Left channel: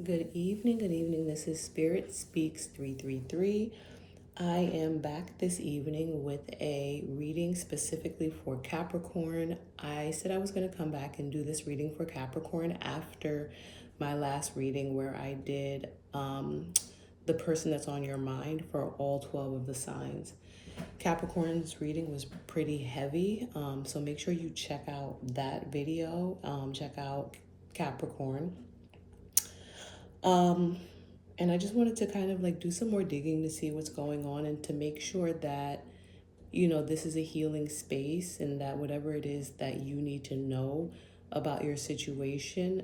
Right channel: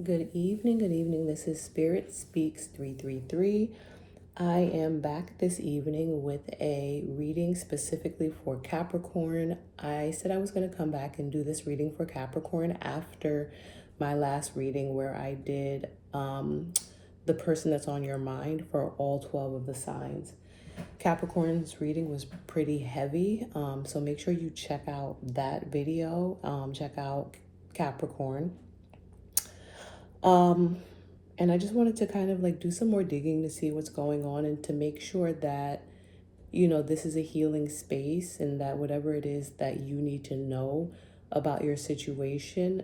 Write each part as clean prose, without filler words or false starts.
Good evening. This is Spirit Speaks 333. I am back this evening with a reading specifically for Capricorn. I said I was going to come back and do this reading for Capricorn after my last reading where I did the person that's on your mind for all 12 of the signs. Capricorn's reading was pretty heavy, so make sure you check out that video. Check out Capricorn. And I just wanted to kind of like do some more digging to see what's going on and to make sure that, this is a healing space and that whatever it is that you need to know about your situation,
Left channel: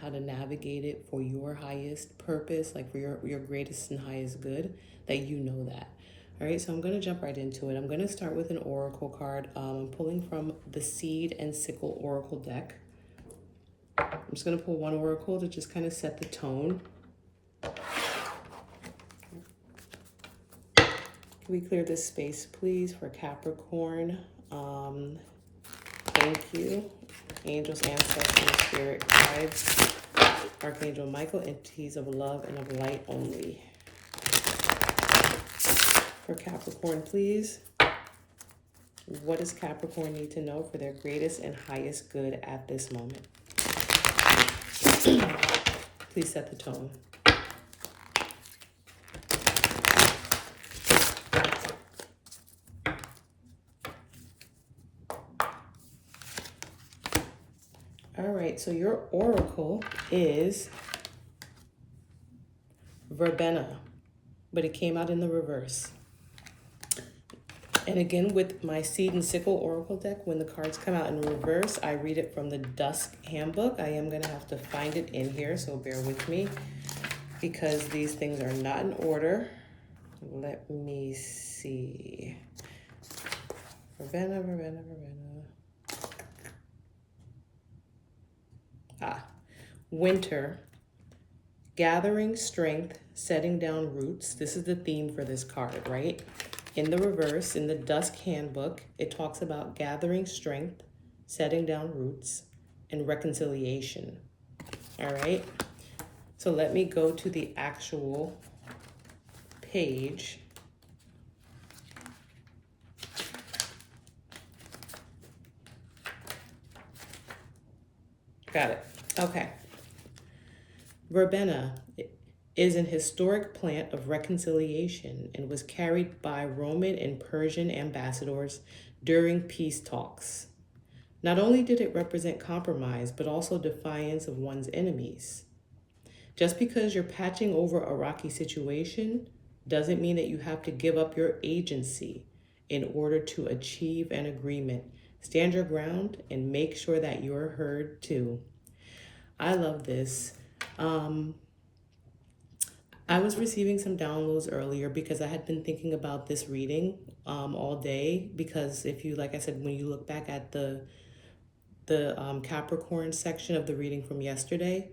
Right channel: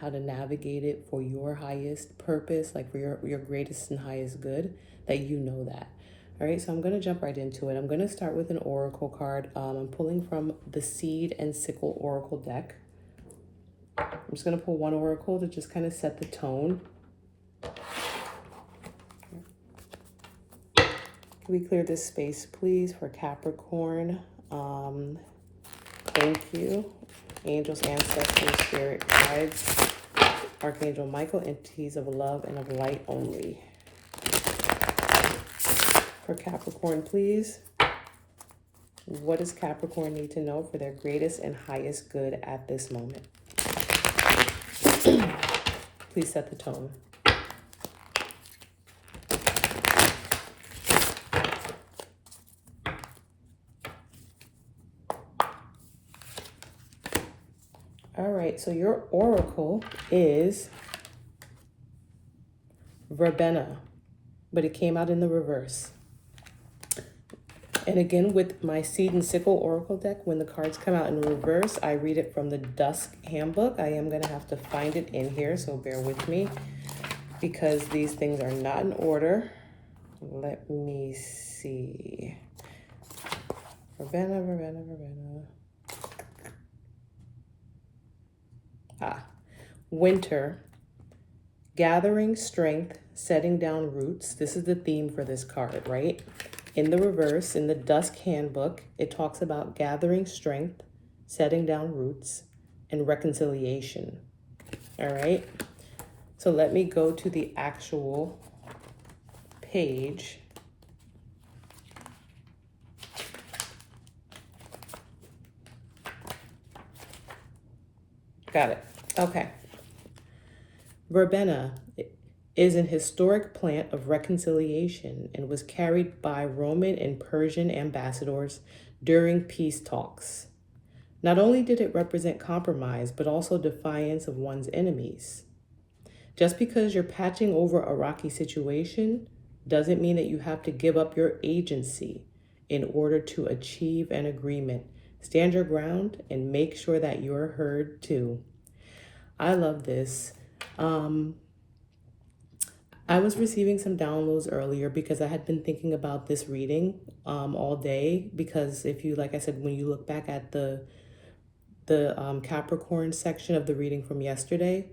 how to navigate it for your highest purpose, like for your greatest and highest good, that you know that. All right, so I'm going to jump right into it. I'm going to start with an oracle card. I'm pulling from the Seed and Sickle Oracle deck. I'm just going to pull one oracle to just kind of set the tone. Can we clear this space, please, for Capricorn? Thank you. Angels, ancestors, spirit guides, Archangel Michael, entities of love and of light only. For Capricorn, please. What does Capricorn need to know for their greatest and highest good at this moment? Please set the tone. All right, so your oracle is verbena, but it came out in the reverse. And again, with my Seed and Sickle Oracle deck, when the cards come out in reverse, I read it from the Dusk Handbook. I am going to have to find it in here, so bear with me, because these things are not in order. Let me see. Verbena. Winter. Gathering strength, setting down roots. This is the theme for this card, right? In the reverse, in the Dusk Handbook, it talks about gathering strength, setting down roots, and reconciliation. All right? So let me go to the actual page. Got it. Okay. Verbena is an historic plant of reconciliation and was carried by Roman and Persian ambassadors during peace talks. Not only did it represent compromise, but also defiance of one's enemies. Just because you're patching over a rocky situation doesn't mean that you have to give up your agency in order to achieve an agreement. Stand your ground and make sure that you're heard too. I love this. I was receiving some downloads earlier because I had been thinking about this reading all day, because if you, like I said, when you look back at the Capricorn section of the reading from yesterday,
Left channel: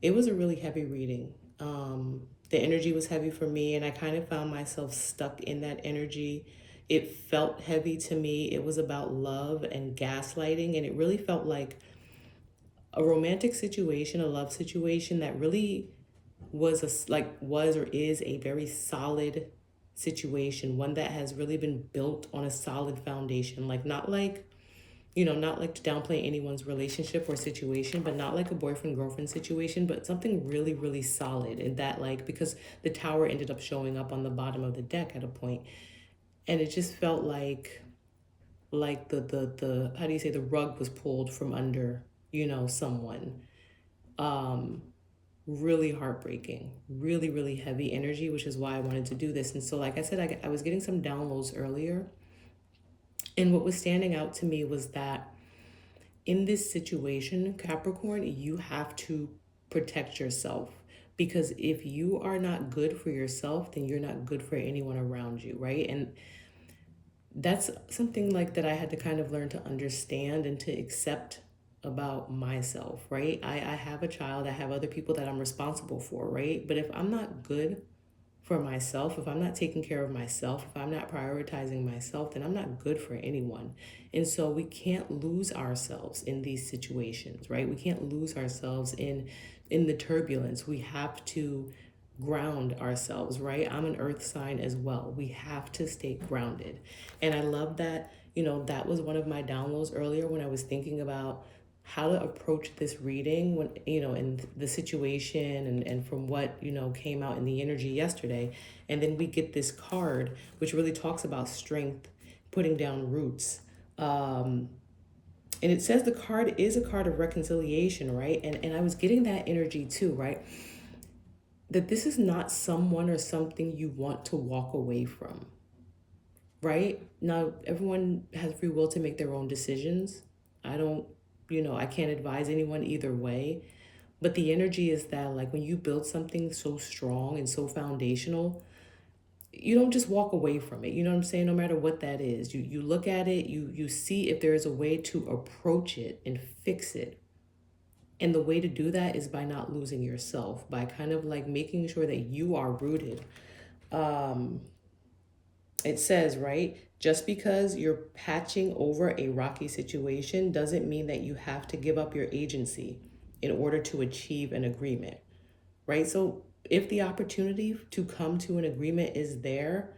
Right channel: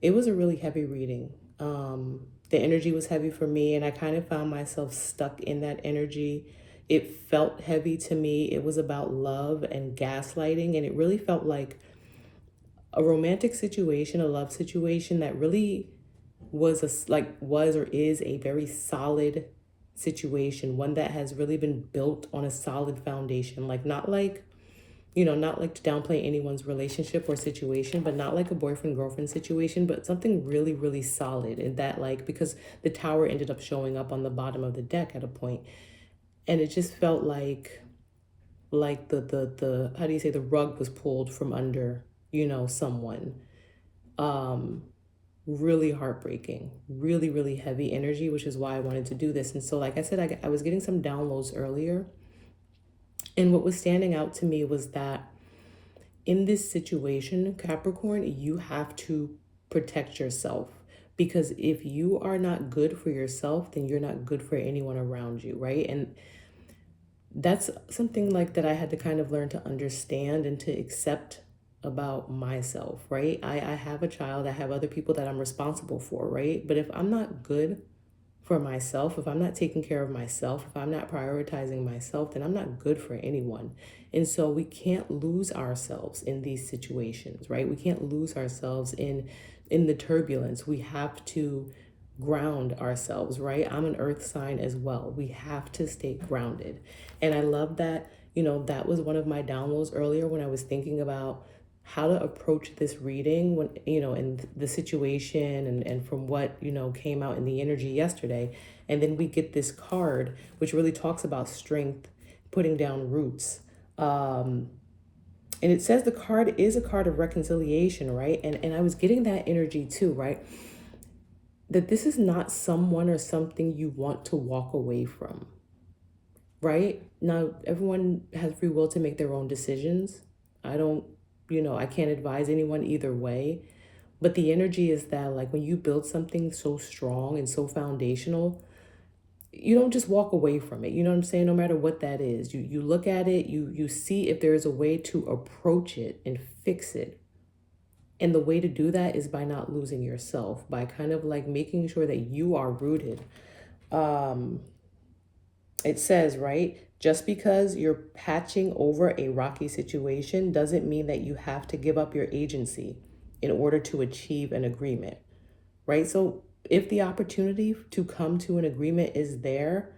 it was a really heavy reading. The energy was heavy for me, and I kind of found myself stuck in that energy. It felt heavy to me. It was about love and gaslighting, and it really felt like a romantic situation, a love situation that really was or is a very solid situation, one that has really been built on a solid foundation, not like to downplay anyone's relationship or situation, but not like a boyfriend-girlfriend situation, but something really, really solid. And that, because the Tower ended up showing up on the bottom of the deck at a point, and it just felt like the how do you say, the rug was pulled from under, someone. Really heartbreaking, really, really heavy energy, which is why I wanted to do this. And so, like I said, I was getting some downloads earlier. And what was standing out to me was that in this situation, Capricorn, you have to protect yourself. Because if you are not good for yourself, then you're not good for anyone around you, right? And that's something that I had to kind of learn to understand and to accept about myself, right? I have a child, I have other people that I'm responsible for, right? But if I'm not good for myself, if I'm not taking care of myself, if I'm not prioritizing myself, then I'm not good for anyone. And so we can't lose ourselves in these situations, right? We can't lose ourselves in in the turbulence, we have to ground ourselves, right? I'm an earth sign as well. We have to stay grounded. And I love that, that was one of my downloads earlier when I was thinking about how to approach this reading when, in the situation and from what, came out in the energy yesterday. And then we get this card, which really talks about strength, putting down roots. And it says the card is a card of reconciliation, right? And I was getting that energy too, right? That this is not someone or something you want to walk away from, right? Now, everyone has free will to make their own decisions. I don't, I can't advise anyone either way. But the energy is that, like, when you build something so strong and so foundational, you don't just walk away from it. You know what I'm saying? No matter what that is, you look at it, you see if there's a way to approach it and fix it. And the way to do that is by not losing yourself, by kind of like making sure that you are rooted. It says, right, just because you're patching over a rocky situation doesn't mean that you have to give up your agency in order to achieve an agreement, right? So if the opportunity to come to an agreement is there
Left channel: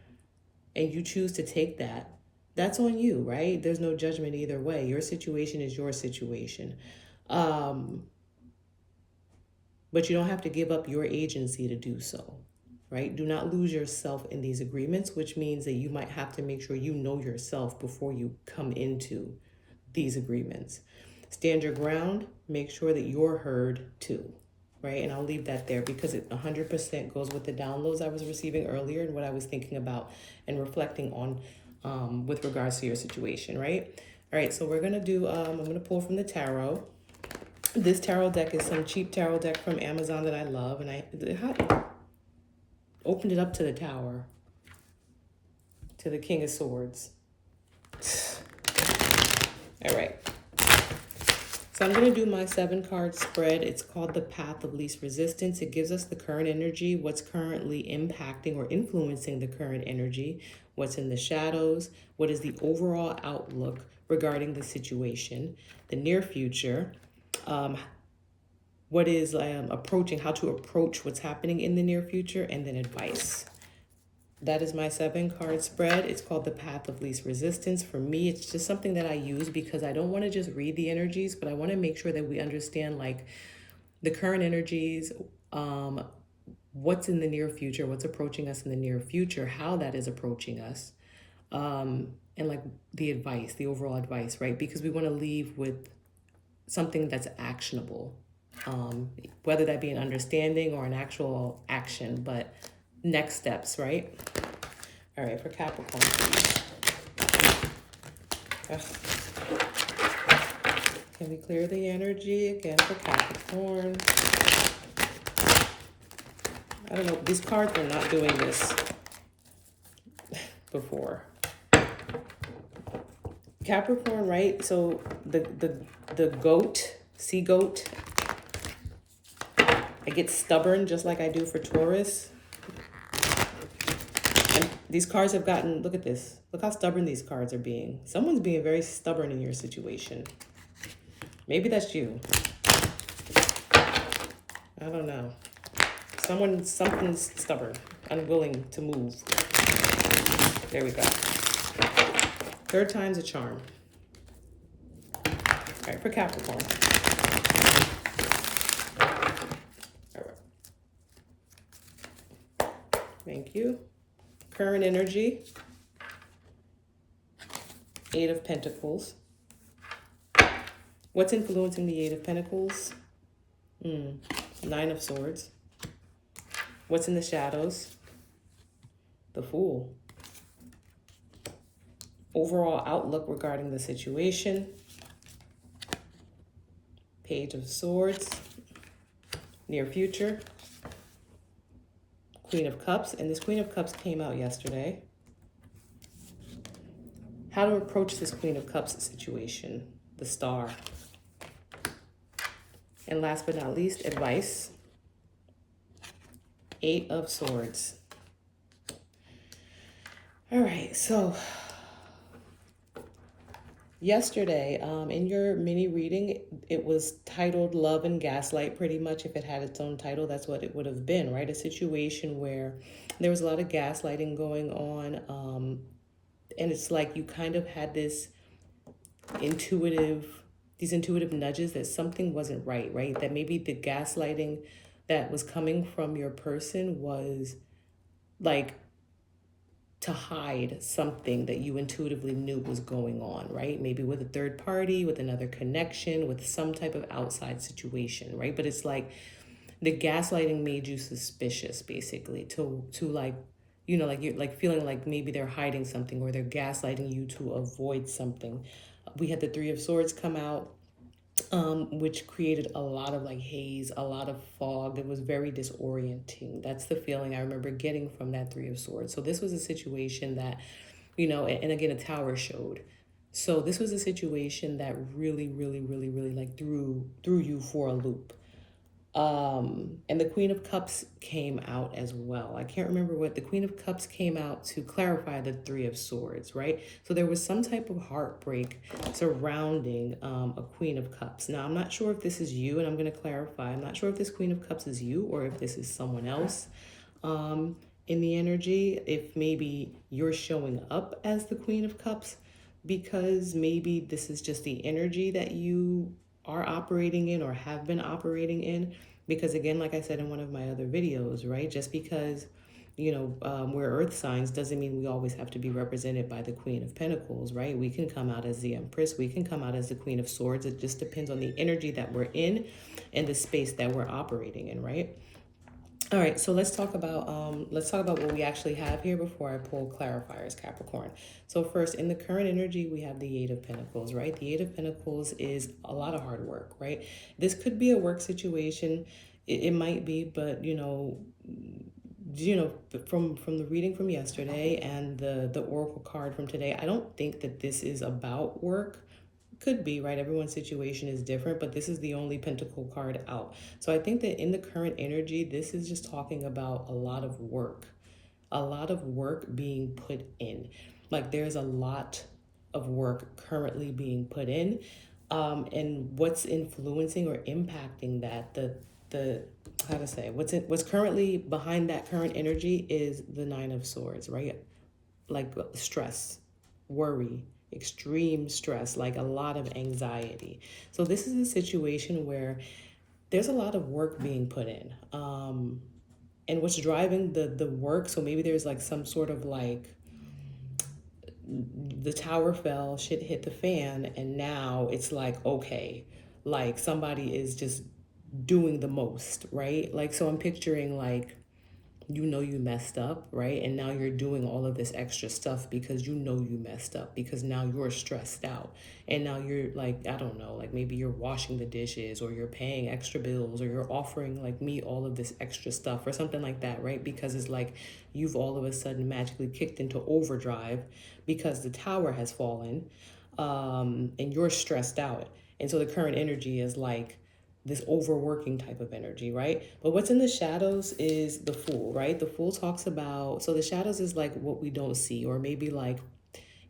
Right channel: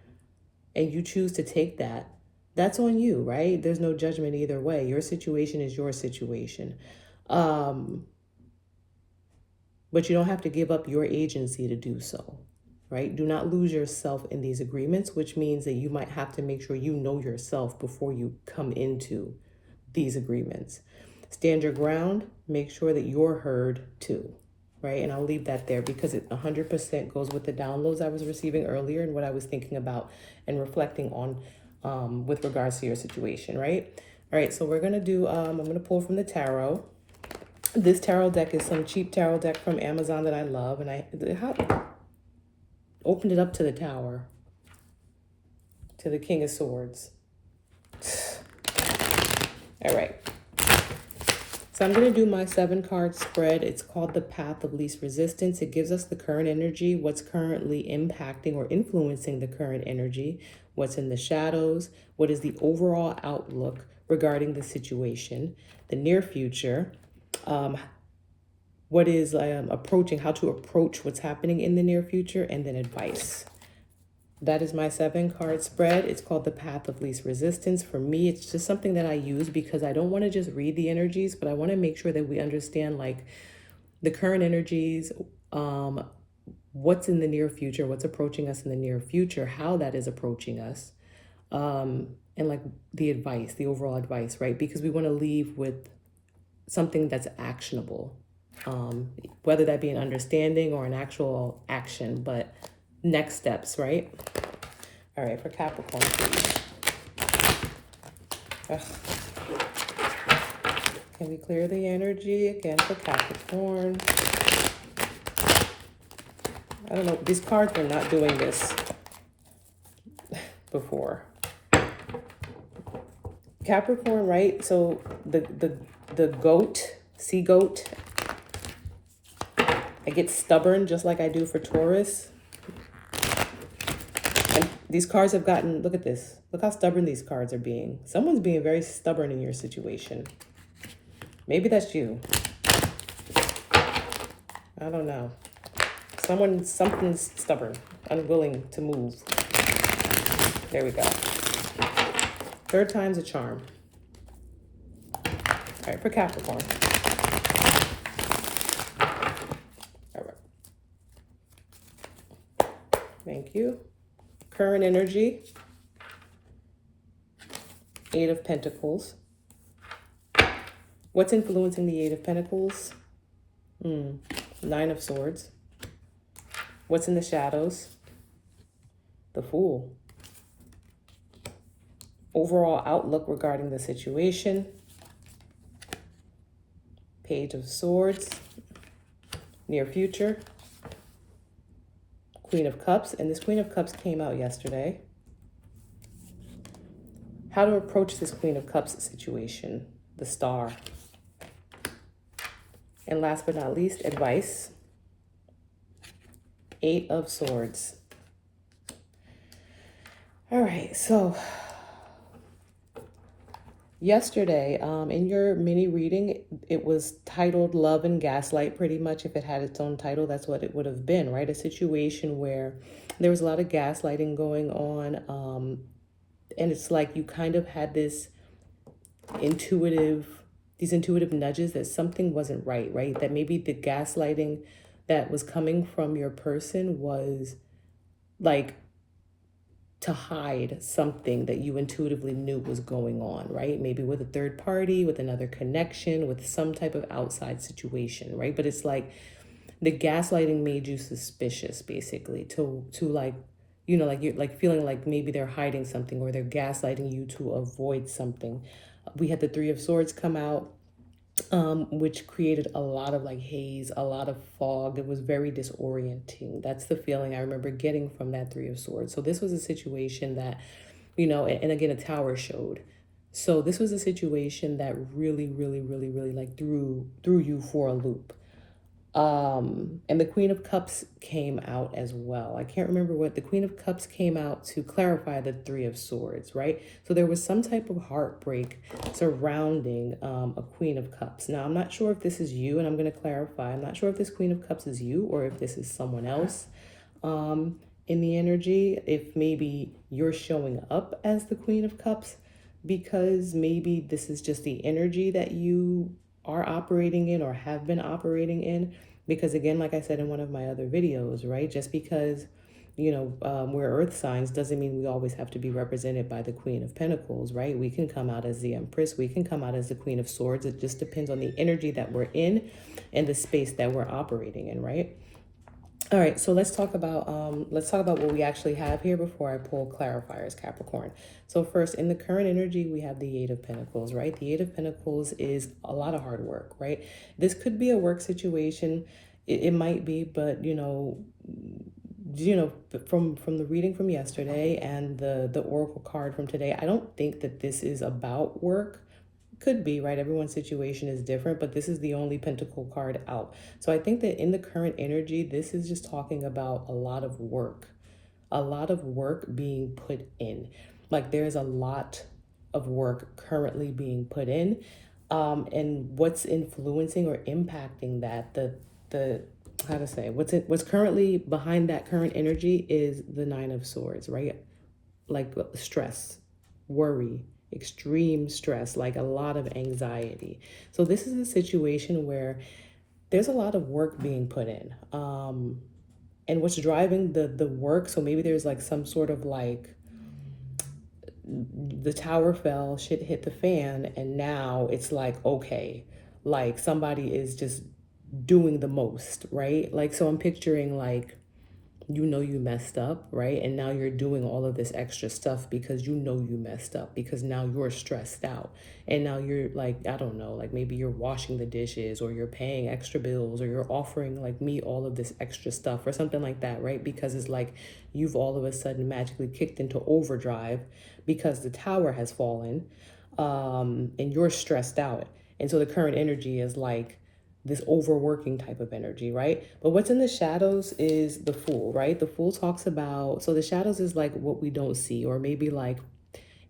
and you choose to take that, that's on you, right? There's no judgment either way. Your situation is your situation. But you don't have to give up your agency to do so, right? Do not lose yourself in these agreements, which means that you might have to make sure you know yourself before you come into these agreements. Stand your ground, make sure that you're heard too, right? And I'll leave that there because it 100% goes with the downloads I was receiving earlier and what I was thinking about and reflecting on with regards to your situation, right? All right, so we're going to do, I'm going to pull from the tarot. This tarot deck is some cheap tarot deck from Amazon that I love, and I opened it up to the Tower, to the King of Swords. All right. So I'm going to do my 7-card spread. It's called the Path of Least Resistance. It gives us the current energy, what's currently impacting or influencing the current energy, what's in the shadows, what is the overall outlook regarding the situation, the near future, what is approaching, how to approach what's happening in the near future, and then advice. That is my 7-card spread. It's called the Path of Least Resistance. For me, it's just something that I use because I don't want to just read the energies, but I want to make sure that we understand like the current energies, what's in the near future, what's approaching us in the near future, how that is approaching us, and like the advice, the overall advice, right? Because we want to leave with something that's actionable, whether that be an understanding or an actual action, but next steps, right? All right, for Capricorn, please. Can we clear the energy again for Capricorn? I don't know, these cards were not doing this before. Capricorn, right? So the goat, sea goat, I get stubborn just like I do for Taurus. And these cards have gotten, look at this. Look how stubborn these cards are being. Someone's being very stubborn in your situation. Maybe that's you. I don't know. Something's stubborn, unwilling to move. There we go. 3rd time's a charm. All right, for Capricorn. All right. Thank you. Current energy. 8 of Pentacles. What's influencing the 8 of Pentacles? 9 of Swords. What's in the shadows? The Fool. Overall outlook regarding the situation. Page of Swords. Near future. Queen of Cups. And this Queen of Cups came out yesterday. How to approach this Queen of Cups situation. The Star. And last but not least, advice. 8 of Swords. All right, so Yesterday, in your mini reading, it was titled Love and Gaslight, pretty much. If it had its own title, that's what it would have been, right? A situation where there was a lot of gaslighting going on. And it's like you kind of had intuitive, these intuitive nudges that something wasn't right, right? That maybe the gaslighting that was coming from your person was like to hide something that you intuitively knew was going on, right? Maybe with a third party, with another connection, with some type of outside situation, right? But it's like the gaslighting made you suspicious, basically, to like, like you're like feeling like maybe they're hiding something or they're gaslighting you to avoid something. We had the Three of Swords come out, which created a lot of like haze, a lot of fog. It was very disorienting. That's the feeling I remember getting from that Three of Swords. So this was a situation that, and again, a tower showed. So this was a situation that really, really, really, really like threw you for a loop. And the Queen of Cups came out as well. I can't remember what the Queen of Cups came out to clarify the Three of Swords, right? So there was some type of heartbreak surrounding a Queen of Cups. Now, I'm not sure if this is you, and I'm going to clarify. I'm not sure if this Queen of Cups is you or if this is someone else in the energy. If maybe you're showing up as the Queen of Cups because maybe this is just the energy that you are operating in or have been operating in. Because again, like I said in one of my other videos, right, just because we're earth signs doesn't mean we always have to be represented by the Queen of Pentacles, right? We can come out as the Empress, we can come out as the Queen of Swords. It just depends on the energy that we're in and the space that we're operating in, right? All right, so let's talk about what we actually have here before I pull clarifiers, Capricorn. So first, in the current energy, we have the Eight of Pentacles, right? The Eight of Pentacles is a lot of hard work, right? This could be a work situation. It might be, but from the reading from yesterday and the oracle card from today, I don't think that this is about work. Could be, right? Everyone's situation is different, but this is the only pentacle card out. So I think that in the current energy, this is just talking about a lot of work being put in. Like there's a lot of work currently being put in. And what's influencing or impacting that, the how to say, what's currently behind that current energy is the Nine of Swords, right? Like stress, worry, extreme stress, like a lot of anxiety. So this is a situation where there's a lot of work being put in. And what's driving the work, so maybe there's like some sort of like the tower fell, shit hit the fan, and now it's like, okay, like somebody is just doing the most, right? Like, so I'm picturing like, you messed up, right? And now you're doing all of this extra stuff because you messed up, because now you're stressed out. And now you're like, I don't know, like maybe you're washing the dishes or you're paying extra bills or you're offering like me all of this extra stuff or something like that, right? Because it's like you've all of a sudden magically kicked into overdrive because the tower has fallen, and you're stressed out. And so the current energy is like, this overworking type of energy, right? But what's in the shadows is the Fool, right? The Fool talks about, so the shadows is like what we don't see, or maybe like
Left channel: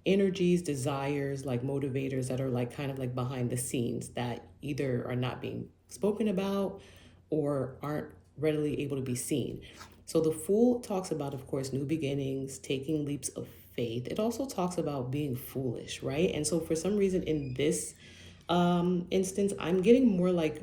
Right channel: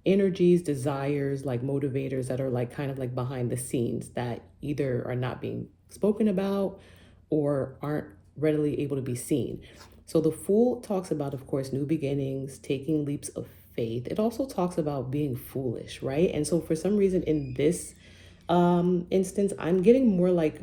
energies, desires, like motivators that are like kind of like behind the scenes that either are not being spoken about or aren't readily able to be seen. So the Fool talks about, of course, new beginnings, taking leaps of faith. It also talks about being foolish, right? And so for some reason in this instance, I'm getting more like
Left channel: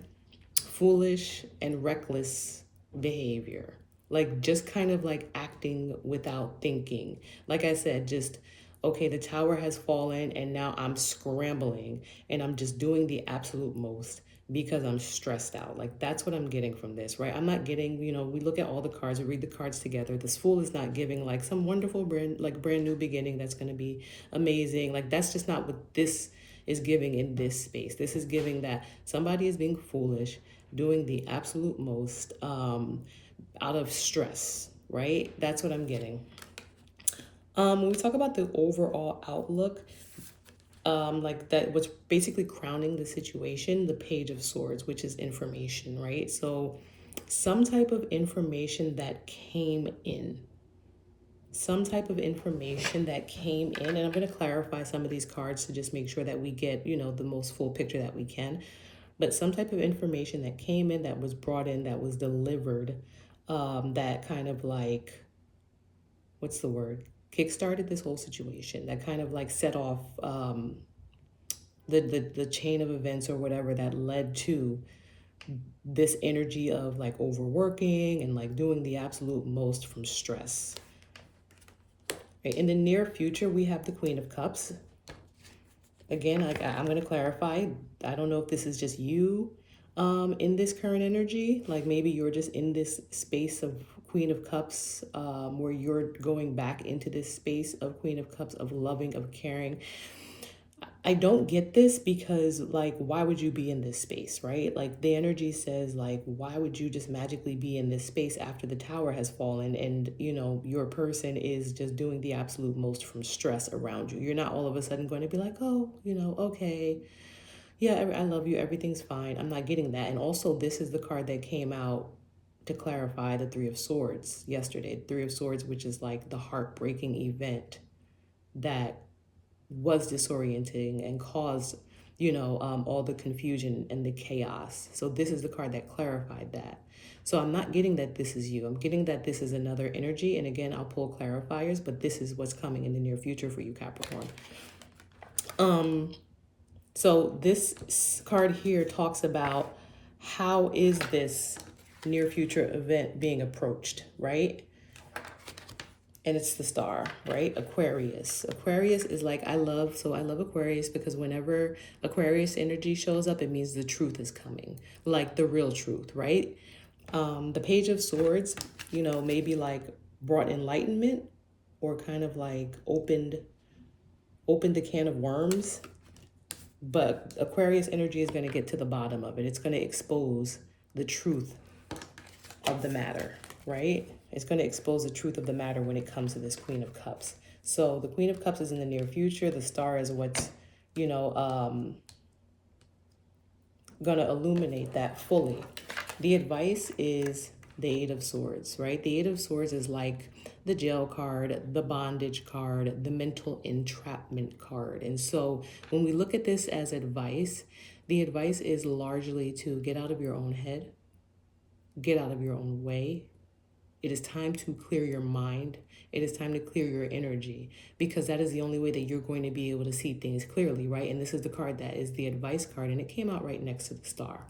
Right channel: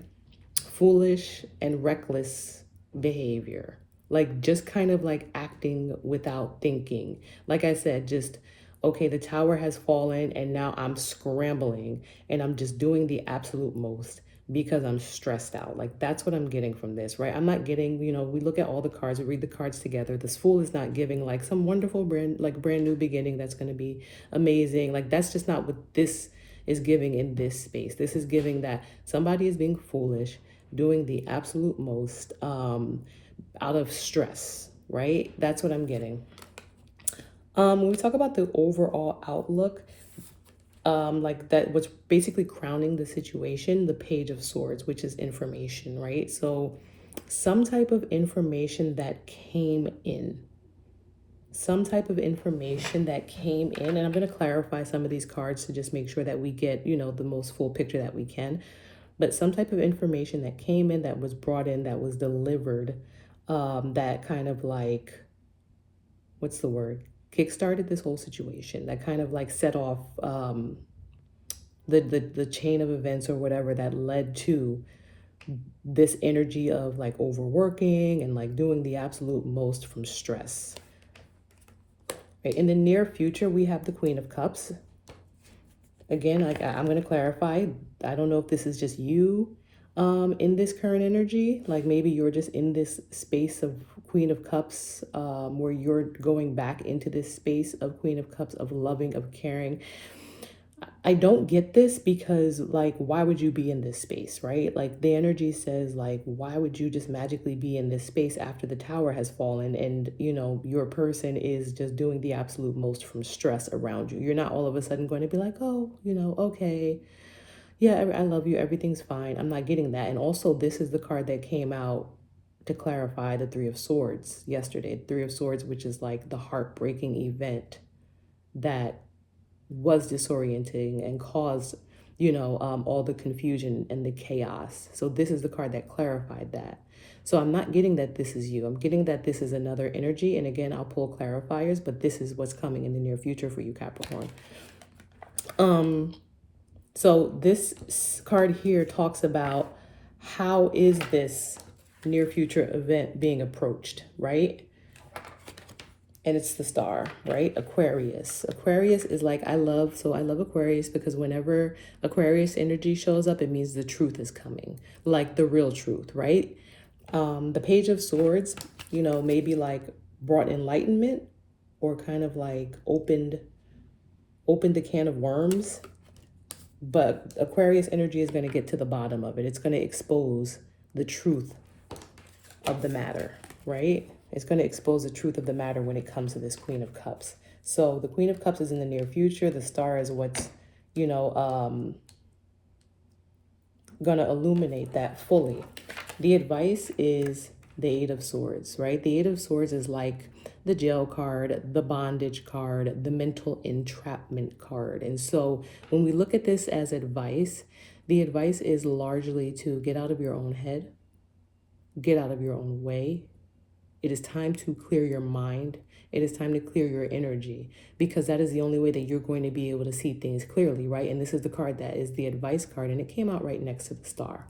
foolish and reckless behavior, like just kind of like acting without thinking. Like I said, just okay, the tower has fallen and now I'm scrambling and I'm just doing the absolute most because I'm stressed out. Like that's what I'm getting from this, right? I'm not getting, we look at all the cards, we read the cards together. This Fool is not giving like some wonderful brand new beginning that's going to be amazing. Like that's just not what this is giving in this space. This is giving that somebody is being foolish, doing the absolute most out of stress, right? That's what I'm getting. When we talk about the overall outlook, like that, what's basically crowning the situation, the Page of Swords, which is information, right? So some type of information that came in, some type of information that came in, and I'm going to clarify some of these cards to just make sure that we get, you know, the most full picture that we can. But some type of information that came in, that was brought in, that was delivered, that kind of like, what's the word? Kickstarted this whole situation. That kind of like set off the chain of events or whatever that led to this energy of like overworking and like doing the absolute most from stress. Right? In the near future, we have the Queen of Cups. Again, like I'm going to clarify, I don't know if this is just you in this current energy. Like maybe you're just in this space of Queen of Cups, where you're going back into this space of Queen of Cups, of loving, of caring. I don't get this because, like, why would you be in this space, right? Like, the energy says, like, why would you just magically be in this space after the tower has fallen and, you know, your person is just doing the absolute most from stress around you? You're not all of a sudden going to be like, oh, you know, okay, yeah, I love you, everything's fine. I'm not getting that. And also, this is the card that came out to clarify the Three of Swords yesterday. Three of Swords, which is like the heartbreaking event that was disorienting and caused, you know, all the confusion and the chaos. So this is the card that clarified that. So I'm not getting that this is you. I'm getting that this is another energy. And again, I'll pull clarifiers, but this is what's coming in the near future for you, Capricorn. So this card here talks about how is this near future event being approached, right? And it's the Star, right? Aquarius. Aquarius is like, I love Aquarius because whenever Aquarius energy shows up, it means the truth is coming, like the real truth, right? The Page of Swords, you know, maybe like brought enlightenment or kind of like opened a can of worms. But Aquarius energy is going to get to the bottom of it. It's going to expose the truth of the matter, right? It's going to expose the truth of the matter when it comes to this Queen of Cups. So the Queen of Cups is in the near future. The Star is what's, you know, going to illuminate that fully. The advice is the Eight of Swords, right? The Eight of Swords is like the jail card, the bondage card, the mental entrapment card. And so when we look at this as advice, the advice is largely to get out of your own head, get out of your own way. It is time to clear your mind. It is time to clear your energy, because that is the only way that you're going to be able to see things clearly, right? And this is the card that is the advice card, and it came out right next to the Star.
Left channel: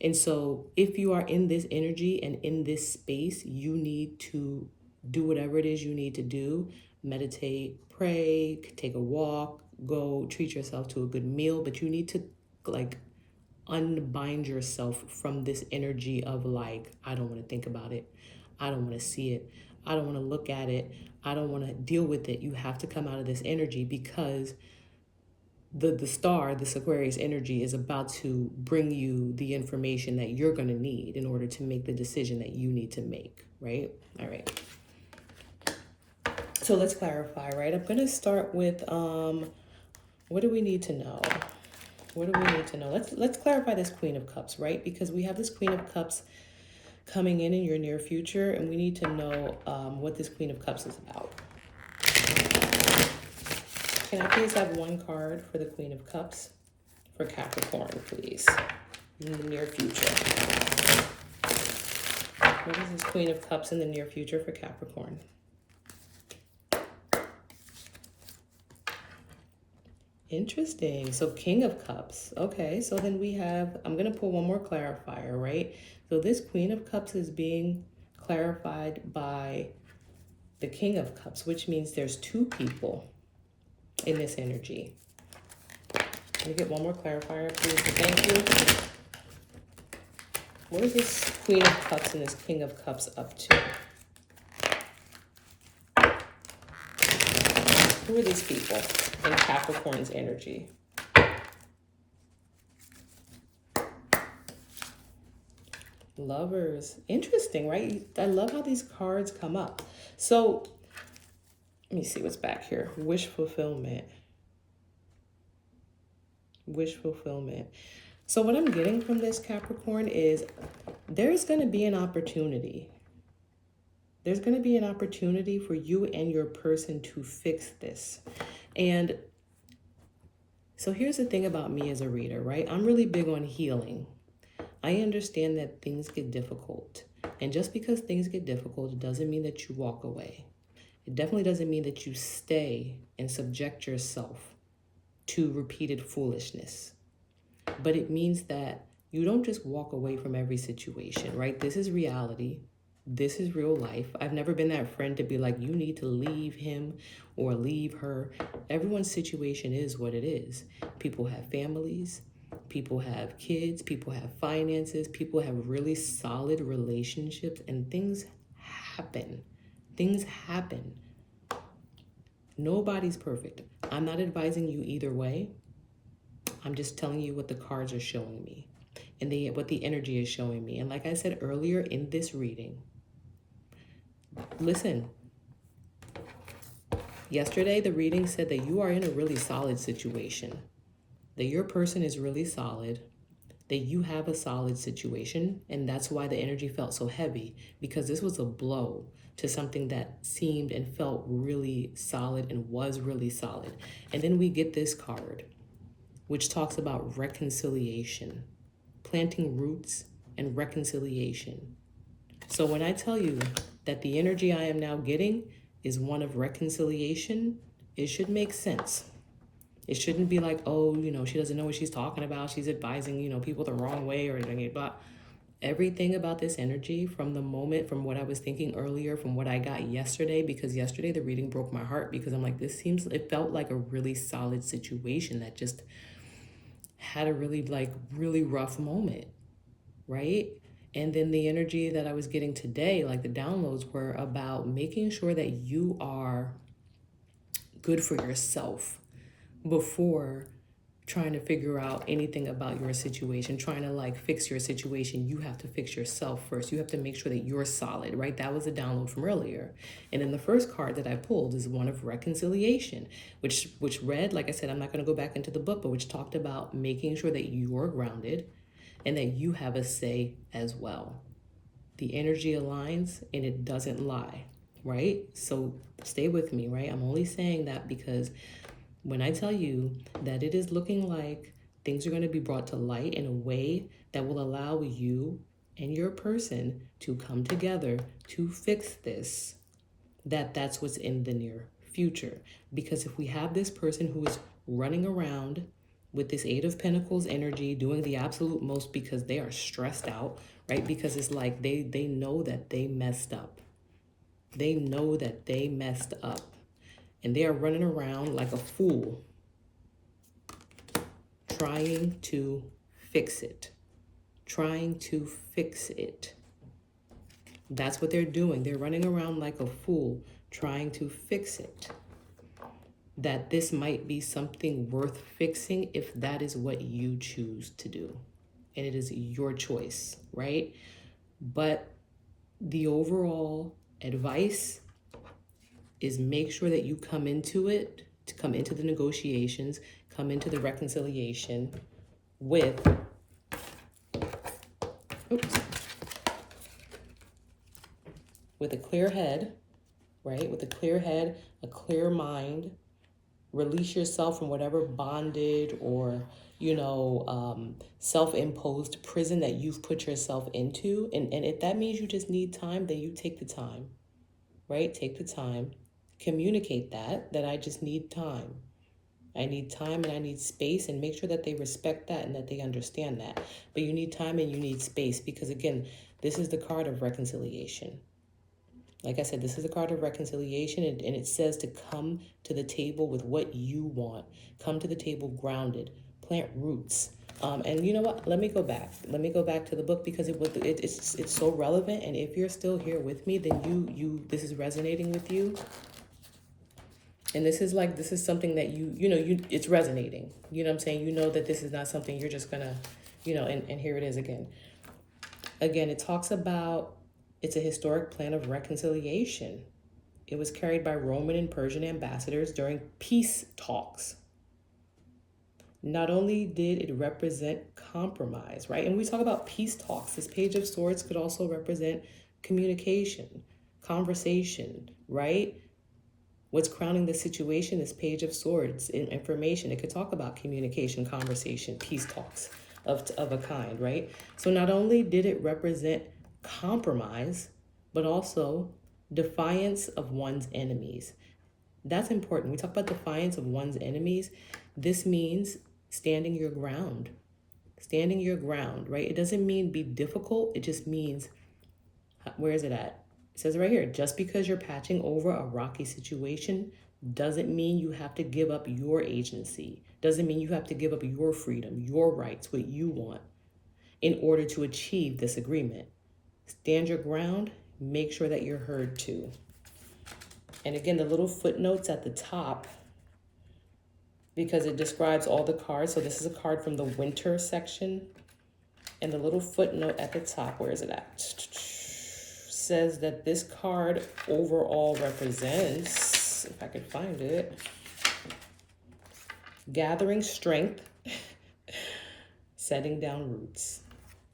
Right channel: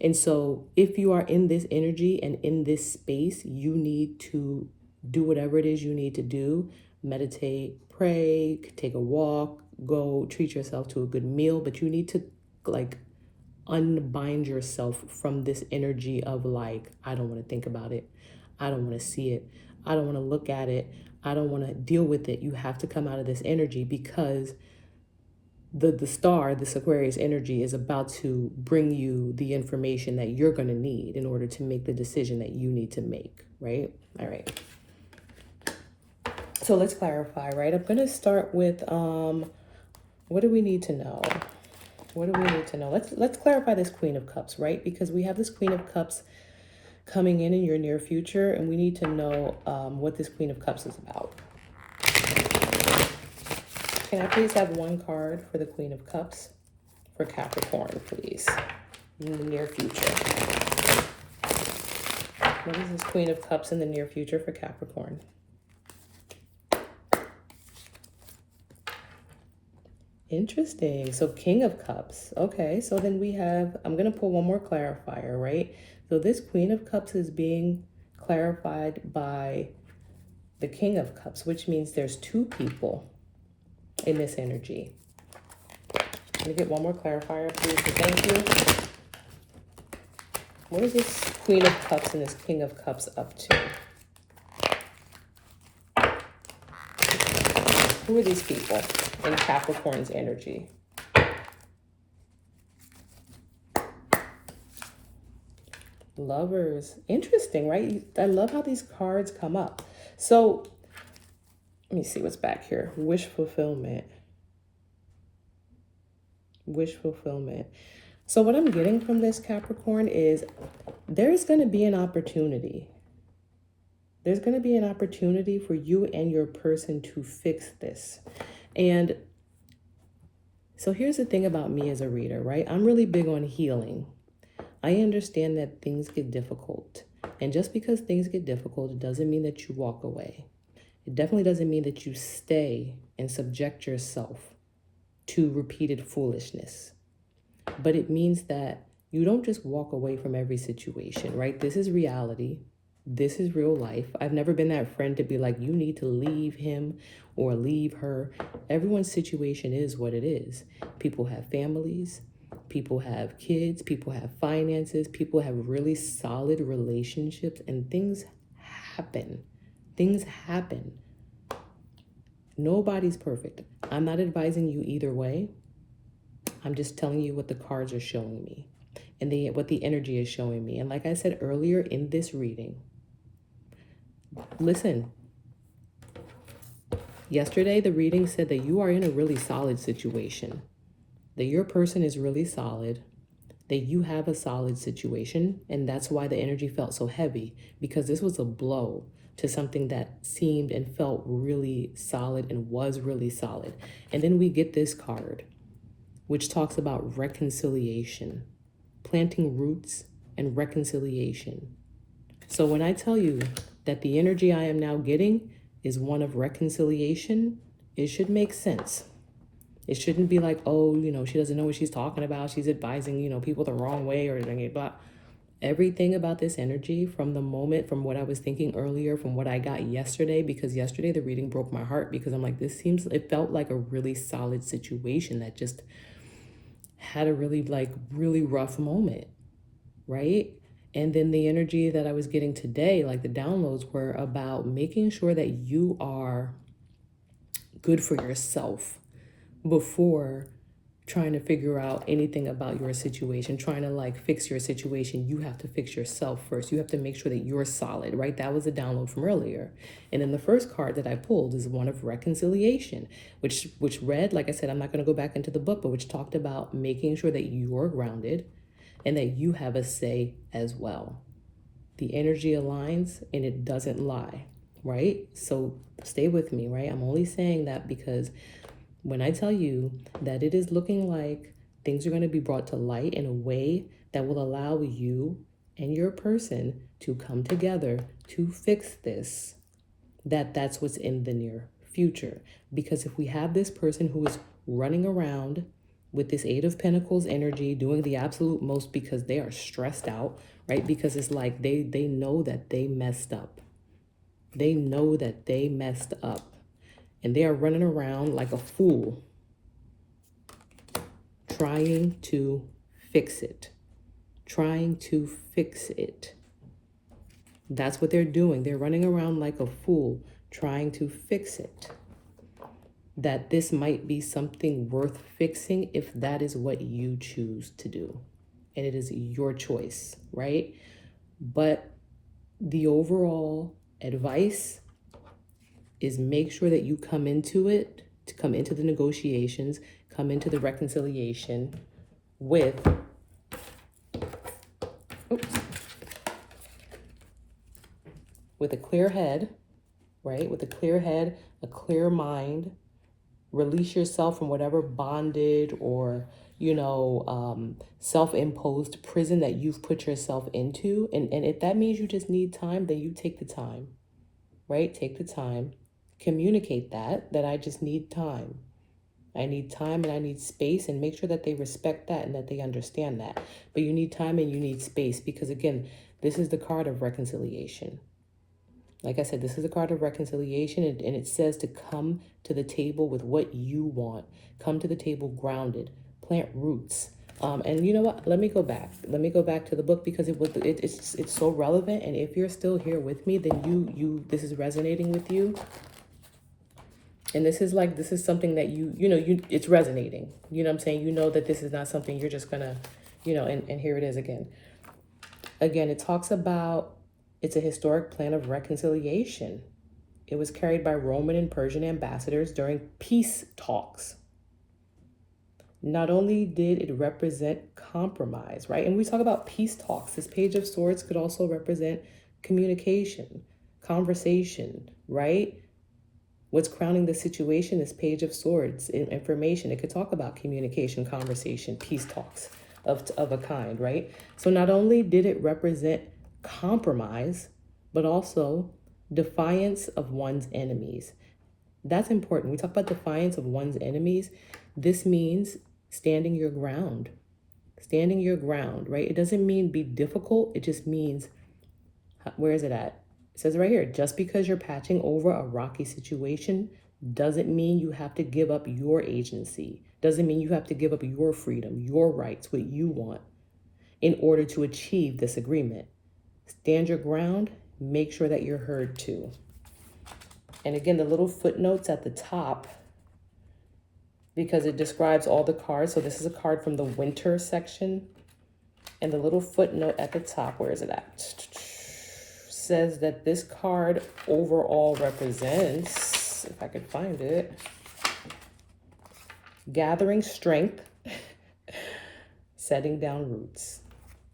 And so if you are in this energy and in this space, you need to do whatever it is you need to do. Meditate, pray, take a walk, go treat yourself to a good meal, but you need to like unbind yourself from this energy of like, I don't want to think about it. I don't want to see it. I don't want to look at it. I don't want to deal with it. You have to come out of this energy, because the Star, this Aquarius energy, is about to bring you the information that you're going to need in order to make the decision that you need to make, right? All right. So let's clarify, right? I'm going to start with, what do we need to know? What do we need to know? Let's clarify this Queen of Cups, right? Because we have this Queen of Cups coming in your near future, and we need to know what this Queen of Cups is about. Can I please have one card for the Queen of Cups for Capricorn, please, in the near future? What is this Queen of Cups in the near future for Capricorn? Interesting. So King of Cups. Okay, so then we have, I'm going to pull one more clarifier, right? So this Queen of Cups is being clarified by the King of Cups, which means there's two people in this energy. Let me get one more clarifier, please. Thank you. What is this Queen of Cups and this King of Cups up to? Who are these people in Capricorn's energy? Lovers. Interesting, right? I love how these cards come up. So let me see what's back here. Wish fulfillment. Wish fulfillment. So what I'm getting from this, Capricorn, is there's going to be an opportunity. There's going to be an opportunity for you and your person to fix this. And so here's the thing about me as a reader, right? I'm really big on healing. I understand that things get difficult. And just because things get difficult, it doesn't mean that you walk away. It definitely doesn't mean that you stay and subject yourself to repeated foolishness. But it means that you don't just walk away from every situation, right? This is reality. This is real life. I've never been that friend to be like, you need to leave him or leave her. Everyone's situation is what it is. People have families. People have kids. People have finances. People have really solid relationships, and things happen. Things happen. Nobody's perfect. I'm not advising you either way. I'm just telling you what the cards are showing me and what the energy is showing me. And like I said earlier in this reading, listen, yesterday the reading said that you are in a really solid situation, that your person is really solid, that you have a solid situation. And that's why the energy felt so heavy, because this was a blow to something that seemed and felt really solid and was really solid. And then we get this card, which talks about reconciliation, planting roots and reconciliation. So when I tell you that the energy I am now getting is one of reconciliation, it should make sense. It shouldn't be like, oh, she doesn't know what she's talking about. She's advising, people the wrong way or blah. Everything about this energy from the moment, from what I was thinking earlier, from what I got yesterday, because yesterday the reading broke my heart, because I'm like, it felt like a really solid situation that just had a really rough moment, right? And then the energy that I was getting today, like the downloads, were about making sure that you are good for yourself before trying to figure out anything about your situation, trying to fix your situation. You have to fix yourself first. You have to make sure that you're solid, right? That was a download from earlier. And then the first card that I pulled is one of reconciliation, which read, like I said, I'm not going to go back into the book, but which talked about making sure that you're grounded and that you have a say as well. The energy aligns and it doesn't lie, right? So stay with me, right? I'm only saying that because when I tell you that it is looking like things are going to be brought to light in a way that will allow you and your person to come together to fix this, that's what's in the near future. Because if we have this person who is running around with this Eight of Pentacles energy, doing the absolute most because they are stressed out, right? Because it's like they know that they messed up. They know that they messed up. And they are running around like a fool, trying to fix it. Trying to fix it. That's what they're doing. They're running around like a fool, trying to fix it. That this might be something worth fixing if that is what you choose to do. And it is your choice, right? But the overall advice is make sure that you come into it, to come into the negotiations, come into the reconciliation with, with a clear head, right? With a clear head, a clear mind. Release yourself from whatever bondage or, self-imposed prison that you've put yourself into. And if that means you just need time, then you take the time, right? Take the time. Communicate that I just need time. I need time and I need space, and make sure that they respect that and that they understand that. But you need time and you need space because, again, this is the card of reconciliation. Like I said, this is a card of reconciliation, and it says to come to the table with what you want. Come to the table grounded. Plant roots. And you know what? Let me go back. Let me go back to the book because it's so relevant. And if you're still here with me, then this is resonating with you. And this is something that it's resonating. You know what I'm saying? You know that this is not something you're just gonna, and here it is again. Again, it talks about, it's a historic plan of reconciliation. It was carried by Roman and Persian ambassadors during peace talks. Not only did it represent compromise, right? And we talk about peace talks. This Page of Swords could also represent communication, conversation, right? What's crowning the situation is Page of Swords, information. It could talk about communication, conversation, peace talks of a kind, right? So not only did it represent compromise, but also defiance of one's enemies. That's important. We talk about defiance of one's enemies. This means standing your ground. Standing your ground, right? It doesn't mean be difficult. It just means, where is it at? It says right here, just because you're patching over a rocky situation doesn't mean you have to give up your agency. Doesn't mean you have to give up your freedom, your rights, what you want in order to achieve this agreement. Stand your ground. Make sure that you're heard too. And again, the little footnotes at the top, because it describes all the cards. So this is a card from the winter section. And the little footnote at the top, where is it at? Says that this card overall represents, if I could find it, gathering strength, setting down roots.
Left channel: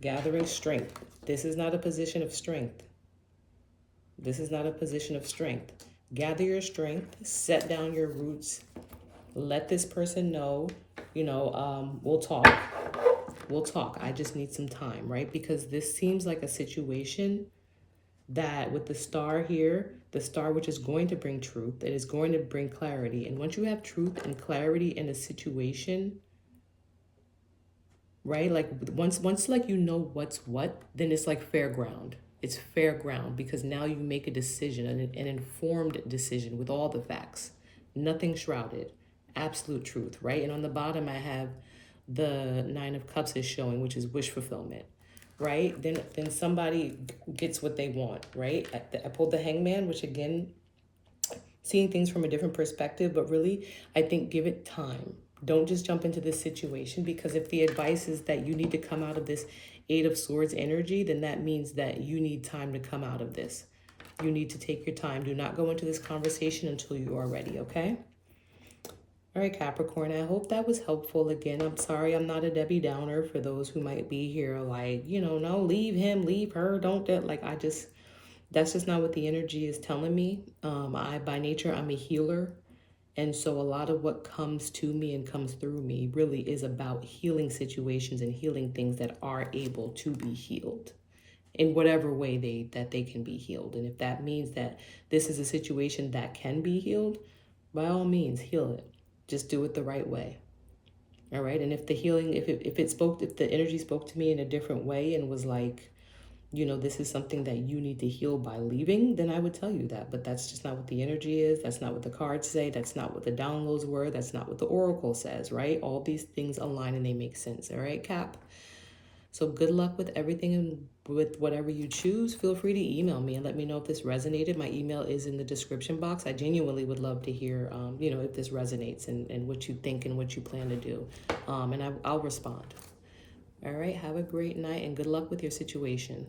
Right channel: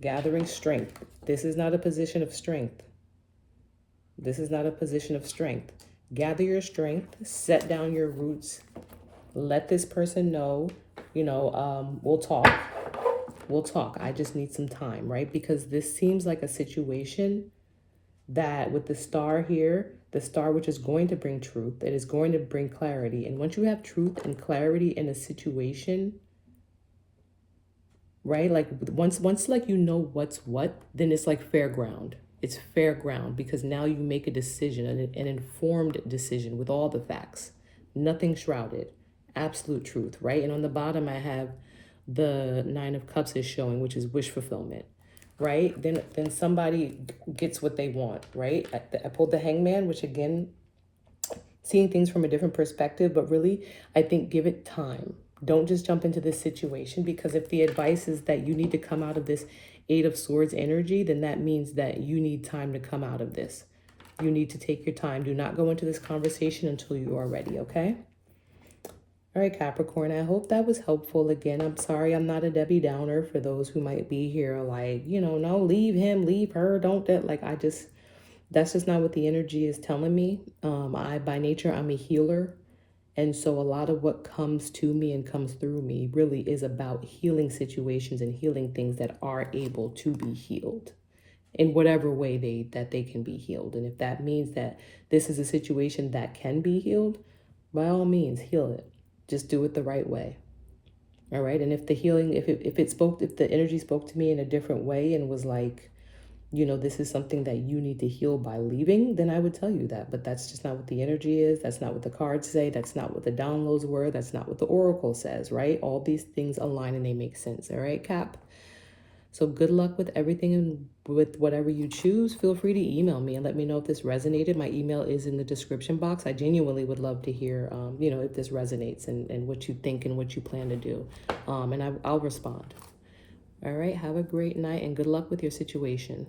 Gathering strength. This is not a position of strength. This is not a position of strength. Gather your strength, set down your roots, let this person know, we'll talk. We'll talk. I just need some time, right? Because this seems like a situation that with the star here, the star which is going to bring truth, it is going to bring clarity. And once you have truth and clarity in a situation, right? Like once like you know what's what, then it's like fair ground. It's fair ground because now you make a decision, an informed decision with all the facts, nothing shrouded, absolute truth, right? And on the bottom, I have the Nine of Cups is showing, which is wish fulfillment, right? Then somebody gets what they want, right? I pulled the Hangman, which again, seeing things from a different perspective, but really, I think give it time. Don't just jump into this situation, because if the advice is that you need to come out of this Eight of Swords energy, then that means that you need time to come out of this. You need to take your time. Do not go into this conversation until you are ready, okay? All right, Capricorn, I hope that was helpful. Again, I'm sorry I'm not a Debbie Downer for those who might be here like, no, leave him, leave her, don't that. Like, that's just not what the energy is telling me. By nature, I'm a healer. And so a lot of what comes to me and comes through me really is about healing situations and healing things that are able to be healed in whatever way that they can be healed. And if that means that this is a situation that can be healed, by all means, heal it. Just do it the right way. All right. And if the healing, if the energy spoke to me in a different way and was like, this is something that you need to heal by leaving, then I would tell you that. But that's just not what the energy is. That's not what the cards say. That's not what the downloads were. That's not what the oracle says, right? All these things align and they make sense. All right, Cap? So good luck with everything and with whatever you choose. Feel free to email me and let me know if this resonated. My email is in the description box. I genuinely would love to hear, if this resonates and what you think and what you plan to do. And I'll respond. All right, have a great night and good luck with your situation.